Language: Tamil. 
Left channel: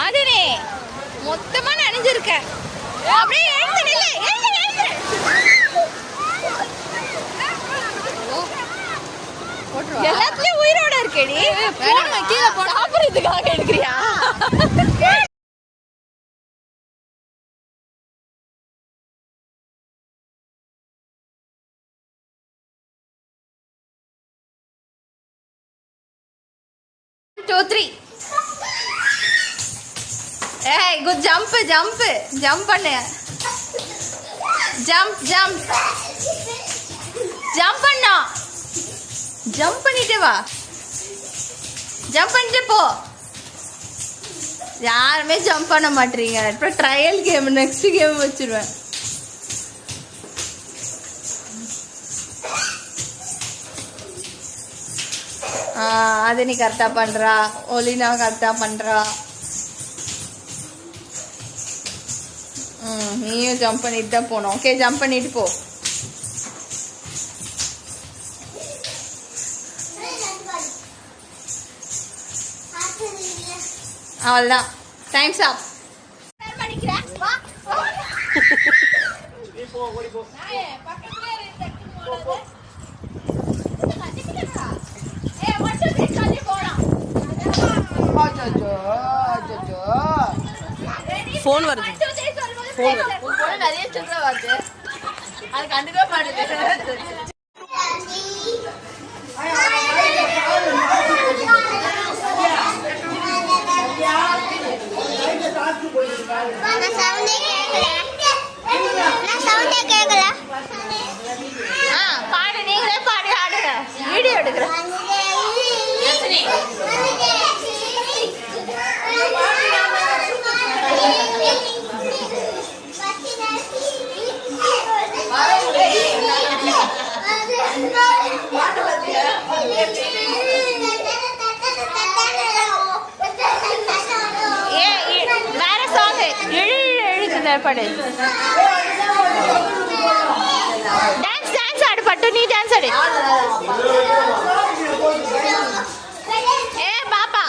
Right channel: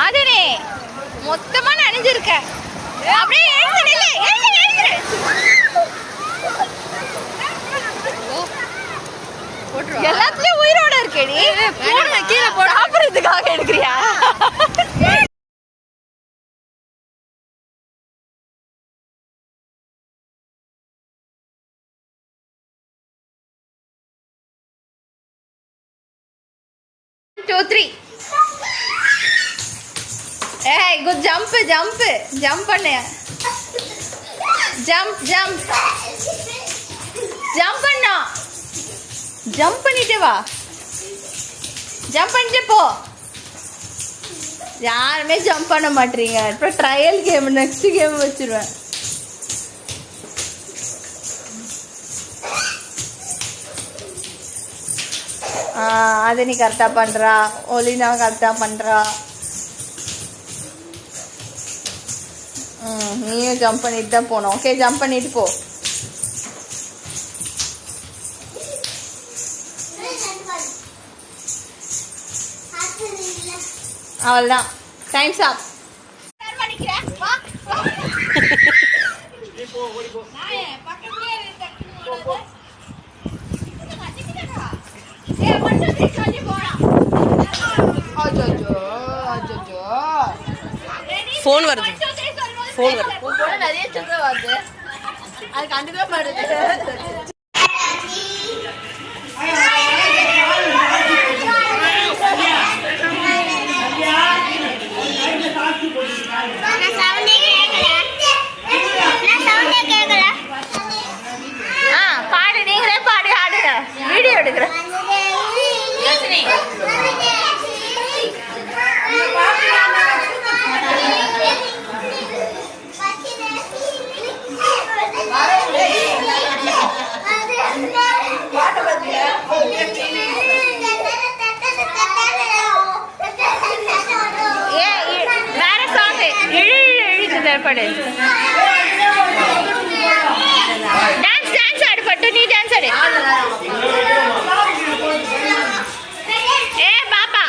ஆதினே மொத்தமா நனைஞ்சிருக்க. அப்படியே எல்லாத்துலயும் உயிரோட இருக்கேடி. சாப்பிடுறதுக்காக எடுக்கிறியா? Two, three. Hey, good jump பண்ணு. Jump பண்ணா. ஜம்ப் பண்ணிட்டு வா. ஜம்ப் பண்ணிட்டு போ. யாருமே ஜம்ப் பண்ண மாட்டீங்க. அப்புறம் ட்ரையல் கேம் நெக்ஸ்ட் கேம் வச்சிருவேன். அது நீ கரெக்டா பண்றா. ஒலினா கரெக்டா பண்றா. நீயும் ஜம்ப் பண்ணிட்டு தான் போகணும். ஓகே, ஜம்ப் பண்ணிட்டு போ. அவ்வளோதான், டைம்ஸ் அப். ஃபோன் வருது. நிறைய சொல்ற வருது. அது கண்டுக்க மாட்டேங்குது. பாடு, நீங்களே பாடி ஆடுங்க. வீடியோ எடுக்கிறேன். வேற சாங் இழுக்குது. படு. டான்ஸ் ஆடு பட்டு. நீ டான்ஸ் ஆடு. பாப்பா